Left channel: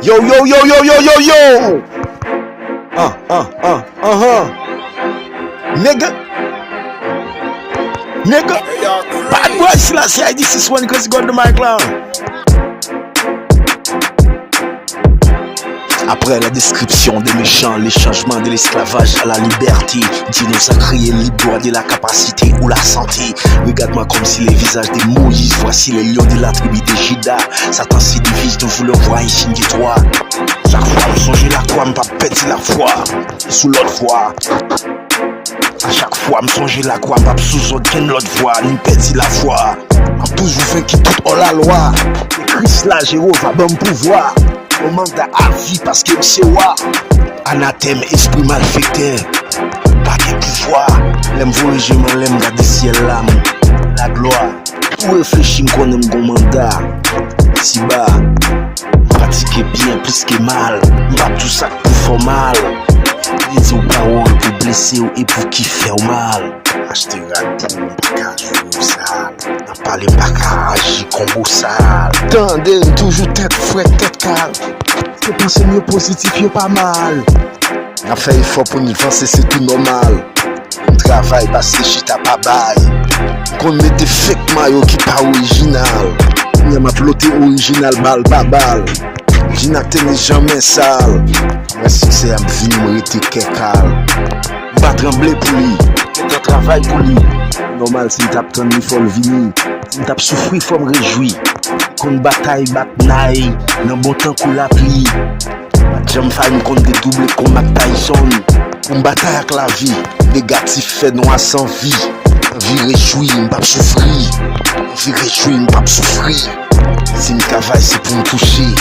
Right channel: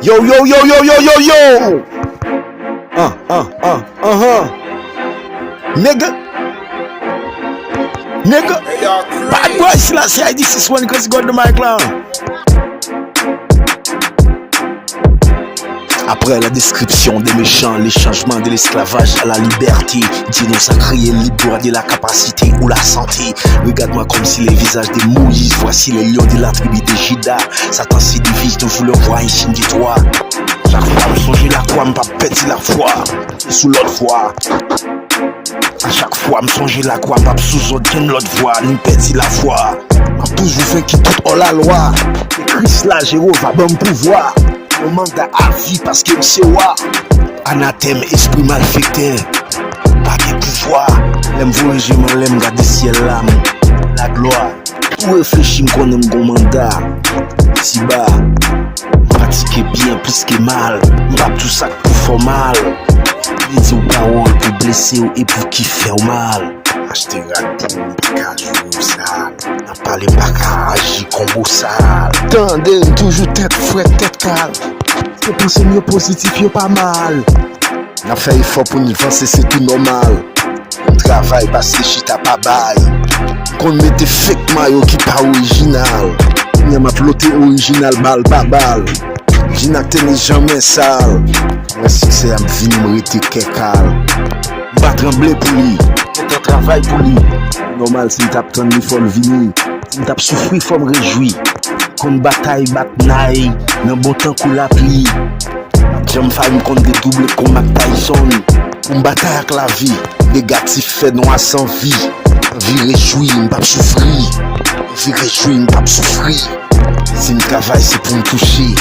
Yo, yo, yo, yo, yo, yo, yo. Nigga. Hey, y'all crazy. Bad boy slash yeah, this is when Chris got the mic now. Après la description des méchants, les changements de l'esclavage à la liberté, Dieu nous a créé libre de la capacité ou la santé. Regarde-moi comme si les visages de Moïse, voici les lions de la tribu de Juda. Satan se divise de vouloir voir ici de toi. Chaque fois me songer la toi, me pas péter la foi, sous leur foi. À chaque fois me songer la quoi, me sous l'autre voix, me péter la foi. En toujours fait qui tout en la loi. Christ là, Jéhovah, bon pouvoir. On manque à vie parce que c'est moi. Anathème, esprit malfaiteur. Pas de pouvoir. Même voyager, même garder ciel l'âme. La gloire. Tout réfléchir, qu'on aime bon mandat. Si bas. Pratiquer bien plus que mal. Pas tout ça pour faire mal. Les autres parents pour blesser et pour qui faire mal. Acheter raté, pas qu'à ça. N'a pas les pas agir comme ça. Tendez toujours tête fouette, tête calme. C'est penser mieux positif, y'a pas mal. Y'a fait effort pour y avancer, c'est tout normal. On travaille, bah c'est shit à pas bail. Qu'on met des fake maillots qui pas original. On m'a ploté original, balle, balle. J'n'attends jamais sale. Mais si c'est un vie, m'arrêter calme. On va trembler pour lui. On travaille pour lui. Normal, si t'as tant il faut le venir. Si t'as souffrir, il faut me réjouir. Comme bataille, bataille, le bon temps qu'on la plie. J'aime faire une compte des doubles comme Mac Tyson. Une bataille avec la vie, négatif fait noir sans vie. Vie réjouie, on pas souffrir. Vie réjouie, on pas souffrir. Si une cavale, c'est pour me toucher.